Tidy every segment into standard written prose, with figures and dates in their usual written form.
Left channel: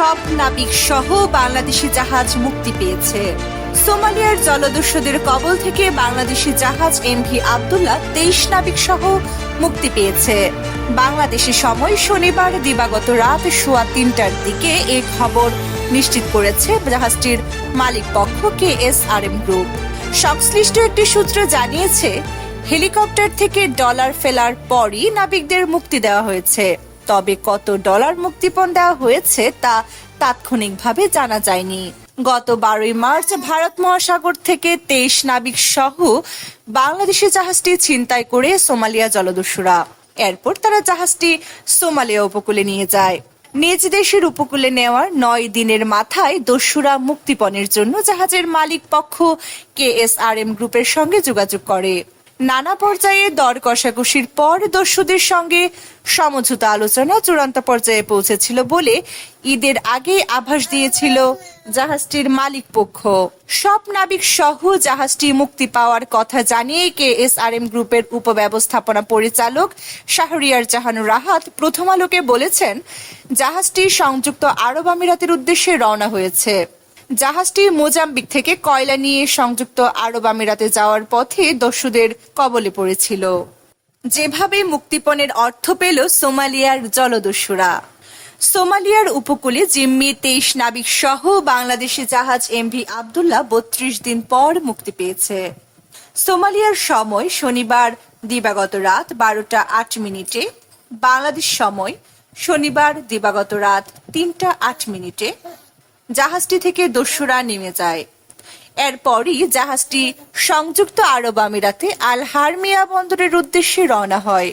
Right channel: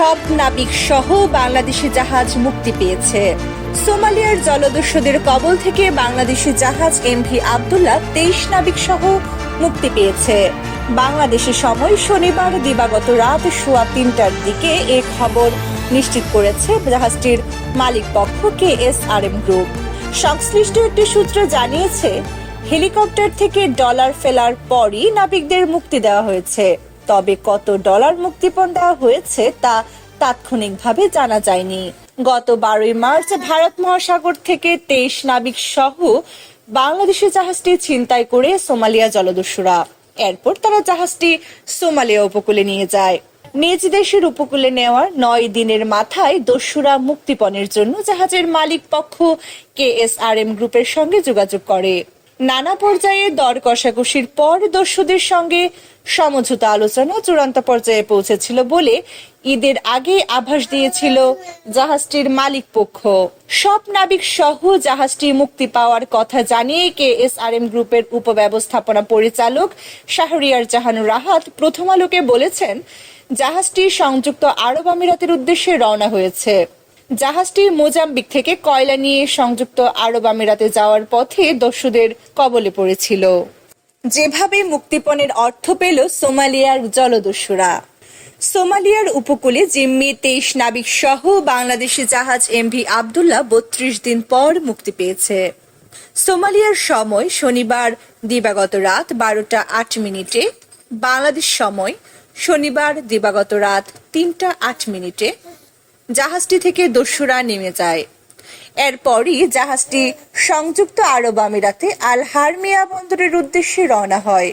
সব নাবিক সহ বাংলাদেশি জাহাজ মুক্তি পেয়েছে। সোমালিয়ার জলদস্যুদের কবল থেকে বাংলাদেশি জাহাজ এমভি আব্দুল্লাহ 23 নাবিক সহ মুক্তি পেয়েছে। বাংলাদেশি সময় শনিবার দিবাগত রাত 3:15টার দিকে এই খবর নিশ্চিত করেছে জাহাজটির মালিক পক্ষ KSRM গ্রুপ। সংশ্লিষ্ট একটি সূত্র জানিয়েছে, হেলিকপ্টার থেকে ডলার ফেলার পরই নাবিকদের মুক্তি দেওয়া হয়েছে। তবে কত ডলার মুক্তিপণ দেওয়া হয়েছে তা তাৎক্ষণিকভাবে জানা যায়নি। গত 12 মার্চ ভারত মহাসাগর থেকে 23 নাবিক সহ বাংলাদেশি জাহাজটি ছিনতাই করে সোমালিয়া জলদস্যুরা। এরপর তারা জাহাজটি সোমালিয়া উপকূলে নিয়ে যায়। নিজ দেশের উপকূলে নেওয়ার 9 দিনের মাথায় দস্যুরা মুক্তিপণের জন্য জাহাজের মালিক পক্ষ KSRM গ্রুপের সঙ্গে যোগাযোগ করে। নানা পর্যায়ে দর কষাকষির পর দস্যুদের সঙ্গে সমঝোতা আলোচনা চূড়ান্ত পর্যায়ে পৌঁছেছিল বলে ঈদের আগে আভাস দিয়েছিল জাহাজটির মালিক পক্ষ। সব নাবিক সহ জাহাজটি মুক্তি পাওয়ার কথা জানিয়ে KSRM গ্রুপের উপব্যবস্থাপনা পরিচালক শাহরিয়ার জাহান রাহাত প্রথম আলোকে বলেছেন, জাহাজটি সংযুক্ত আরব আমিরাতের উদ্দেশ্যে রওনা হয়েছে। জাহাজটি মোজাম্বিক থেকে কয়লা নিয়ে সংযুক্ত আরব আমিরাতে যাওয়ার পথে দস্যুদের কবলে পড়েছিল। যেভাবে মুক্তিপণের অর্থ পেল সোমালিয়ার জলদস্যুরা। সোমালিয়ার উপকূলে জিম্মি 23 নাবিক সহ বাংলাদেশি জাহাজ এমভি আব্দুল্লাহ 32 দিন পর মুক্তি পেয়েছে। সোমালিয়ার সময় শনিবার দিবাগত রাত 12:08 বাংলাদেশ সময় শনিবার দিবাগত রাত 3:08 জাহাজটি থেকে দস্যুরা নেমে যায়। এরপরই জাহাজটি সংযুক্ত আরব আমিরাতে আল হারমিয়া বন্দরের উদ্দেশ্যে রওনা হয়।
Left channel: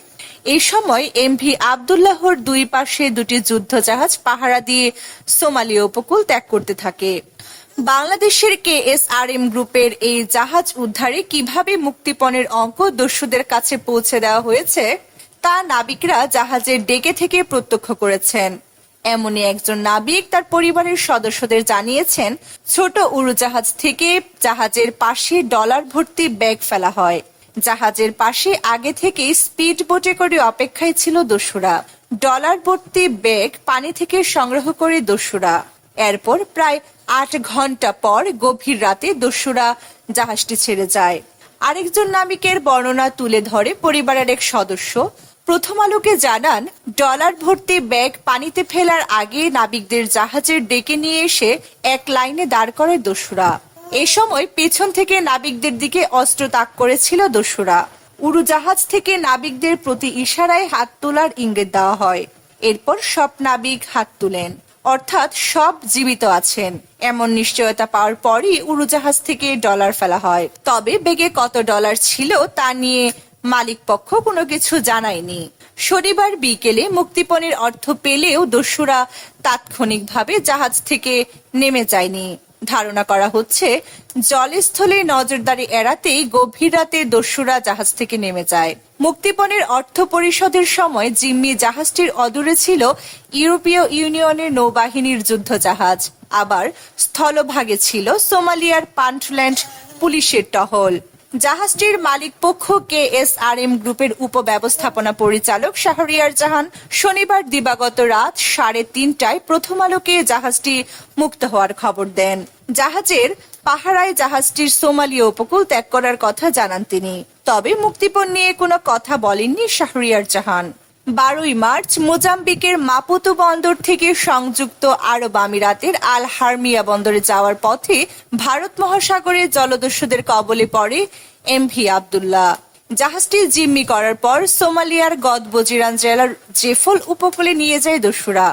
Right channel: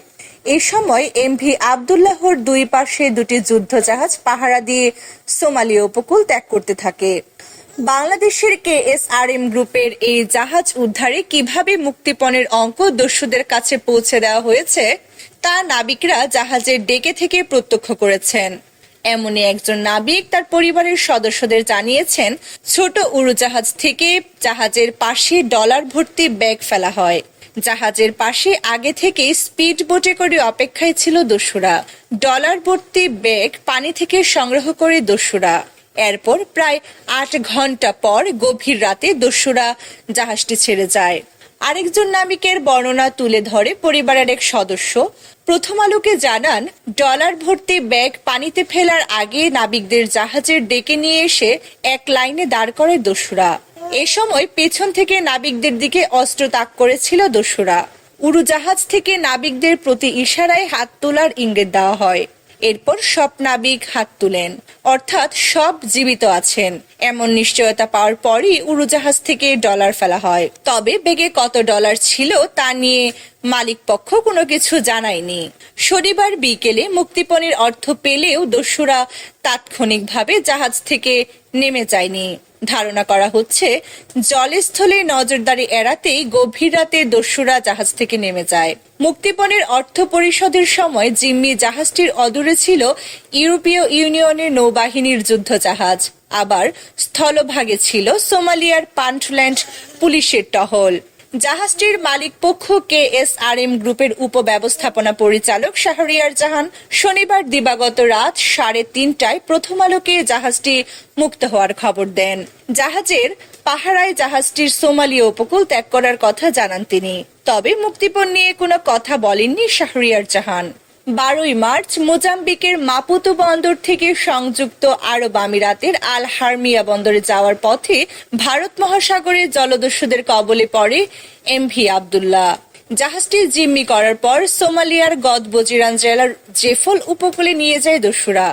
এই সময় এমভি আব্দুল্লাহর দুই পাশে দুটি যুদ্ধ জাহাজ পাহারা দিয়ে সোমালিয়া উপকূল ত্যাগ করতে থাকে। বাংলাদেশের KSRM গ্রুপের এই জাহাজ উদ্ধারে কিভাবে মুক্তিপণের অঙ্ক দস্যুদের কাছে পৌঁছে দেওয়া হয়েছে তা নাবিকরা জাহাজের ডেকে থেকে প্রত্যক্ষ করেছেন। এমনই একজন নাবিক তার পরিবারের সদস্যদের জানিয়েছেন, ছোট উড়োজাহাজ থেকে জাহাজের পাশে ডলার ভর্তি ব্যাগ ফেলা হয়। জাহাজের পাশে আগে থেকেই স্পিড বোটে করে অপেক্ষায় ছিল দস্যুরা। ডলার ভর্তি ব্যাগ পানি থেকে সংগ্রহ করে দস্যুরা। এরপর প্রায় 8 ঘন্টা পর গভীর রাতে দস্যুরা জাহাজটি ছেড়ে যায়। আরেকজন নাবিকের বর্ণনা তুলে ধরে পরিবারের এক সদস্য প্রথম আলোকে জানান, ডলার ভর্তি ব্যাগ পানিতে ফেলার আগে নাবিকদের জাহাজের ডেকে নিয়ে এসে এক লাইনে দাঁড় করে দস্যুরা। এ সময় পেছন থেকে নাবিকদের দিকে অস্ত্র তাক করেছিল দস্যুরা। উড়োজাহাজ থেকে নাবিকদের প্রতি ইশারায় হাত তোলার ইঙ্গিত দেওয়া হয়। এরপর সব নাবিক হাত তুলেন, অর্থাৎ সব জীবিত আছেন এমন নিশ্চয়তা পাওয়ার পরই উড়োজাহাজ থেকে ডলার ফেলা হয়। তবে ব্যাগে কত ডলার ছিল তা নিয়ে মালিক পক্ষ কোনো কিছু জানায়নি। শনিবার বিকেলে মুক্তিপণের অর্থ পেলেও দস্যুরা তাৎক্ষণিকভাবে জাহাজ থেকে নেমে যায়নি। ধারণা করা হচ্ছে, জলস্থলে নজরদারি এড়াতেই গভীর রাতে দস্যুরা জাহাজ থেকে নেমে যায়। মুক্তিপণের অর্থ পরিশোধের সময় জিম্মি জাহাজটির অদূরে ছিল ইউরোপীয় ইউনিয়নের নৌবাহিনীর যুদ্ধ জাহাজ। আবার স্থলভাগে ছিল সোমালিয়ার পান্টল্যান্ড পুলিশের টহল। জাহাজটির মালিক পক্ষ KSRM গ্রুপের উপব্যবস্থাপনা পরিচালক শাহরিয়ার জাহান শনিবার দিবাগত রাত 3:30টায় প্রথম আলোকে জাহাজটি মুক্ত হওয়ার খবর দেন। জাহাজের পাহারায় জাহাজটির সোমালিয়া উপকূল ত্যাগ করার কথা জানান তিনি। তবে মুক্তিপণ নিয়ে কোনো কথা বলেননি শাহরিয়ার জাহান। 12 মার্চ মোজাম্বিকের মাপুতো বন্দর থেকে সংযুক্ত আরব আমিরাতের আল হারমিয়া বন্দরে যাওয়ার পথে ভারত মহাসাগরে জলদস্যুদের কবলে পড়ে এমভি আব্দুল্লাহ। জাহাজটি জিম্মি করার পর সোমালিয়ার গদবজিরান জেলার জেফল উপকূলে নিয়ে যায় দস্যুরা।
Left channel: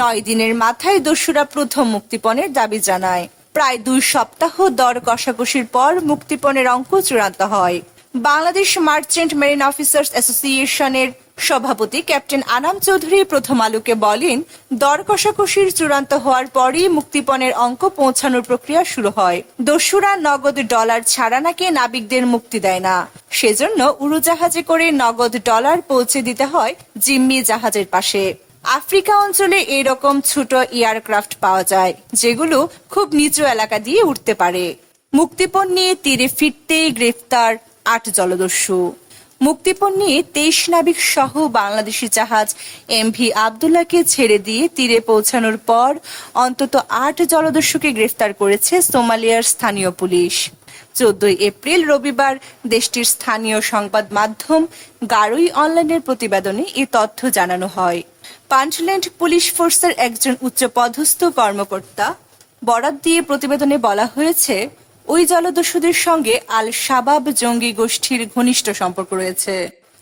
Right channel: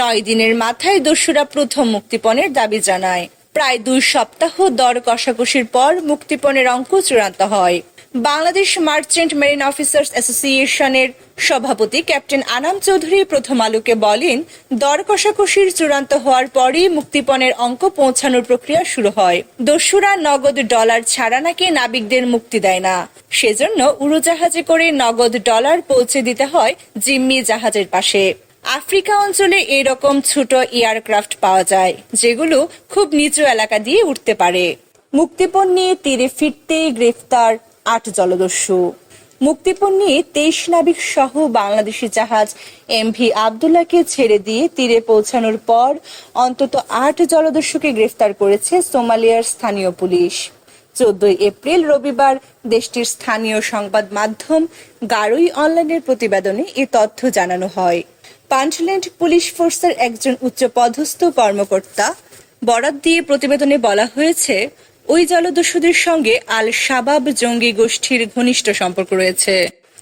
9 দিনের মাথায় দস্যুরা প্রথম মুক্তিপণের দাবি জানায়। প্রায় 2 সপ্তাহ দর কষাকষির পর মুক্তিপণের অঙ্ক চূড়ান্ত হয়। বাংলাদেশ মার্চেন্ট মেরিন অফিসার্স অ্যাসোসিয়েশনের সভাপতি ক্যাপ্টেন আনাম চৌধুরী প্রথম আলোকে বলেন, দর কষাকষির চূড়ান্ত হওয়ার পরই মুক্তিপণের অঙ্ক পৌঁছানোর প্রক্রিয়া শুরু হয়। দস্যুরা নগদ ডলার ছাড়া নাকি নাবিকদের মুক্তি দেয় না, সেজন্য উড়োজাহাজে করে নগদ ডলার পৌঁছে দিতে হয় জিম্মি জাহাজের পাশে। আফ্রিকা অঞ্চলে এরকম ছোট এয়ারক্রাফট পাওয়া যায় যেগুলো খুব নিচু এলাকা দিয়ে উঠতে পারে। মুক্তিপণ নিয়ে তীরে ফিরতেই গ্রেফতার 8 জলদস্যু। মুক্তিপণ নিয়ে 23 নাবিক সহ বাংলাদেশি জাহাজ এমভি আবদুল্লাহকে ছেড়ে দিয়ে তীরে পৌঁছানোর পর অন্তত 8 জলদস্যুকে গ্রেফতার করেছে সোমালিয়ার স্থানীয় পুলিশ। 14 এপ্রিল রবিবার দেশটির স্থানীয় সংবাদ মাধ্যম গারোই অনলাইনের প্রতিবেদনে এ তথ্য জানানো হয়। পাঞ্চল্যান্ড পুলিশ ফোর্সের একজন উচ্চপদস্থ কর্মকর্তা বরাত দিয়ে প্রতিবেদনে বলা হয়েছে, ওই জলদস্যুদের সঙ্গে আল শাবাব জঙ্গি গোষ্ঠীর ঘনিষ্ঠ সম্পর্ক রয়েছে।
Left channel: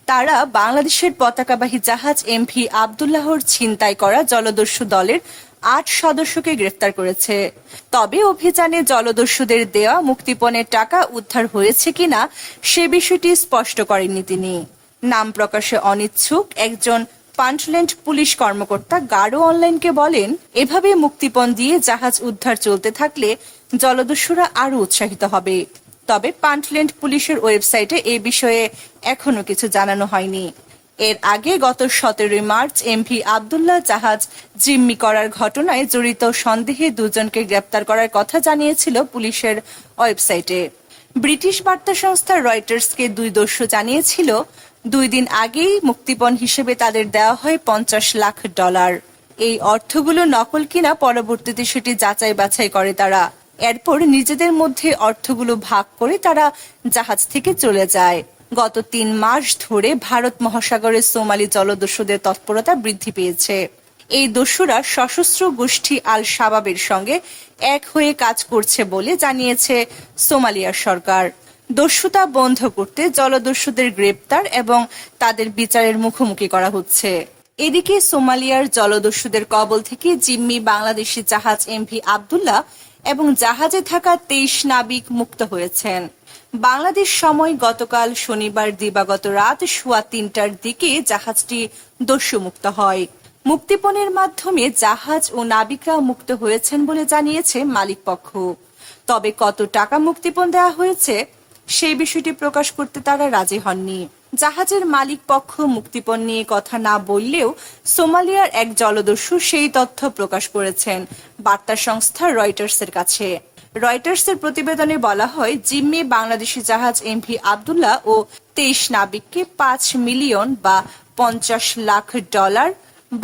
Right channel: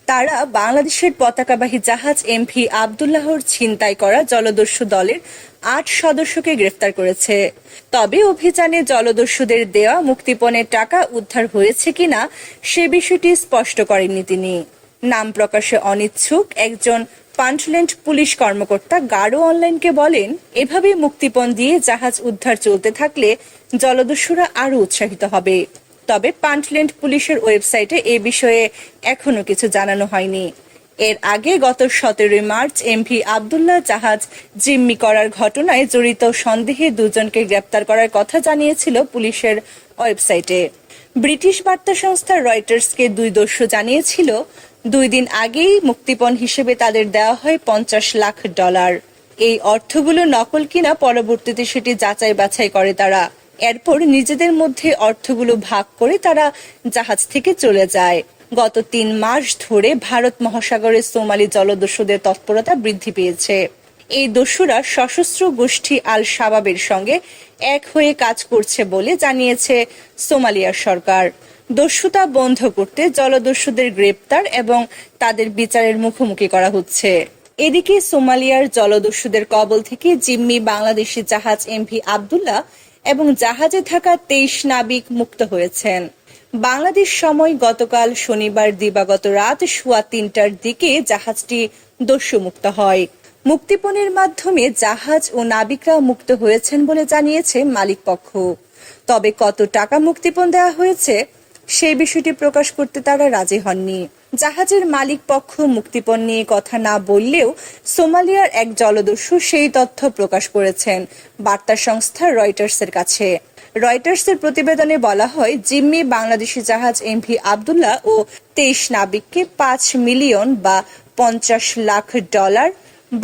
তারা বাংলাদেশের পতাকাবাহী জাহাজ এমভি আবদুল্লাহর ছিনতাই করা জলদস্যু দলের 8 সদস্যকে গ্রেফতার করেছে। তবে অভিযানে জলদস্যুদের দেওয়া মুক্তিপণের টাকা উদ্ধার হয়েছে কিনা সে বিষয়টি স্পষ্ট করেননি তিনি। নাম প্রকাশে অনিচ্ছুক একজন পাঞ্চল্যান্ড পুলিশ কর্মকর্তা গারো অনলাইনকে বলেন, এভাবে মুক্তিপণ দিয়ে জাহাজ উদ্ধার চলতে থাকলে জলদস্যুরা আরও উৎসাহিত হবে। তবে পাঞ্চল্যান্ড পুলিশের ওয়েবসাইটে এ বিষয়ে এখনো কিছু জানানো হয়নি। এর আগে গত 17 মার্চ এমভি আবদুল্লাহ জাহাজ জিম্মি করার ঘটনায় জড়িত সন্দেহে 2 জনকে গ্রেপ্তার করার কথা জানিয়েছিল পুলিশের ওয়েবসাইটে। ব্রিটিশ বার্তা সংস্থা রয়টার্সকে 2 দস্যু জানিয়েছিল, 2 দিন আগেই মুক্তিপণ হিসেবে তাদের দেওয়া হয় $50 লাখ। এই অর্থগুলো নকল কিনা পরবর্তীতে সেটি যাচাই বাছাই করে তারা। এরপর নিজেদের মধ্যে অর্থগুলো ভাগ করে তারা জাহাজ থেকে চলে যায়। গত 3 মাস ধরে ভারত মহাসাগরে সোমালি জলদস্যুদের তৎপরতা বৃদ্ধি পেয়েছে। এই দস্যুরা সশস্ত্র গোষ্ঠী আল শাবাবের সঙ্গে এক হয়ে কাজ করছে বলে জানিয়েছে সোমালিয়ার সরকার। দস্যুতা বন্ধ করতে জলদস্যুদের গ্রেপ্তার এবং তাদের বিচারের মুখোমুখি করা হচ্ছে। এদিকে সোমালিয়ার জলদস্যুদের কবল থেকে জিম্মি বাংলাদেশি জাহাজ এমভি আবদুল্লাহ এবং জাহাজে থাকা 23 নাবিক মুক্ত হয়েছেন। বাংলাদেশ সময় গতকাল শনিবার দিবাগত রাত 3:15টার দিকে জাহাজটি দস্যুমুক্ত হয়। মুক্তিপণের মাধ্যমে জাহাজ ও নাবিকরা মুক্ত হয়েছেন বলে জানিয়েছে মালিকপক্ষ। তবে কত টাকা মুক্তিপণ দেওয়া হয়েছে সেই বিষয়টি প্রকাশ করতে তারা রাজি হননি। জাহাজের মালিক পক্ষ মুক্তিপণ নিয়ে কথা না বললেও সোমালিয়ার এক জলদস্যু সেই তথ্য প্রকাশ করেছেন বার্তা সংস্থা রয়টার্সের কাছে। রয়টার্সের প্রতিবেদনে বলা হয়, জিম্মি বাংলাদেশি জাহাজ এমভি আবদুল্লাহ ও 23 নাবিককে $5 মিলিয়ন বা $50 লাখ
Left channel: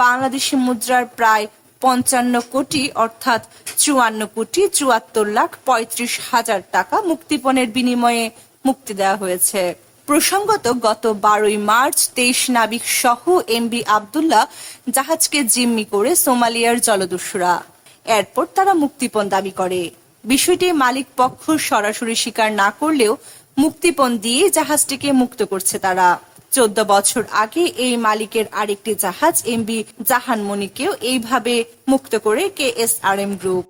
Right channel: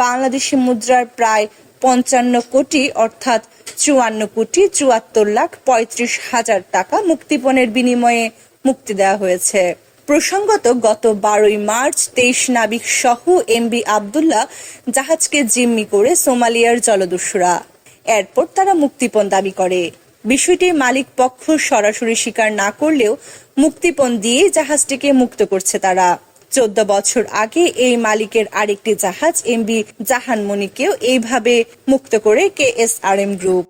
বাংলাদেশি মুদ্রার প্রায় 55 কোটি অর্থাৎ 54,74,35,000 টাকা মুক্তিপণের বিনিময়ে মুক্তি দেওয়া হয়েছে। প্রসঙ্গত গত 12 মার্চ 23 নাবিক সহ এমভি আবদুল্লাহ জাহাজকে জিম্মি করে সোমালিয়ার জলদস্যুরা। এরপর তারা মুক্তিপণ দাবি করে। বিষয়টি মালিক পক্ষ সরাসরি স্বীকার না করলেও মুক্তিপণ দিয়ে জাহাজটিকে মুক্ত করছে তারা। 14 বছর আগে এই মালিকের আরেকটি জাহাজ এমভি জাহানমণিকেও এইভাবে মুক্ত করে KSRM গ্রুপ।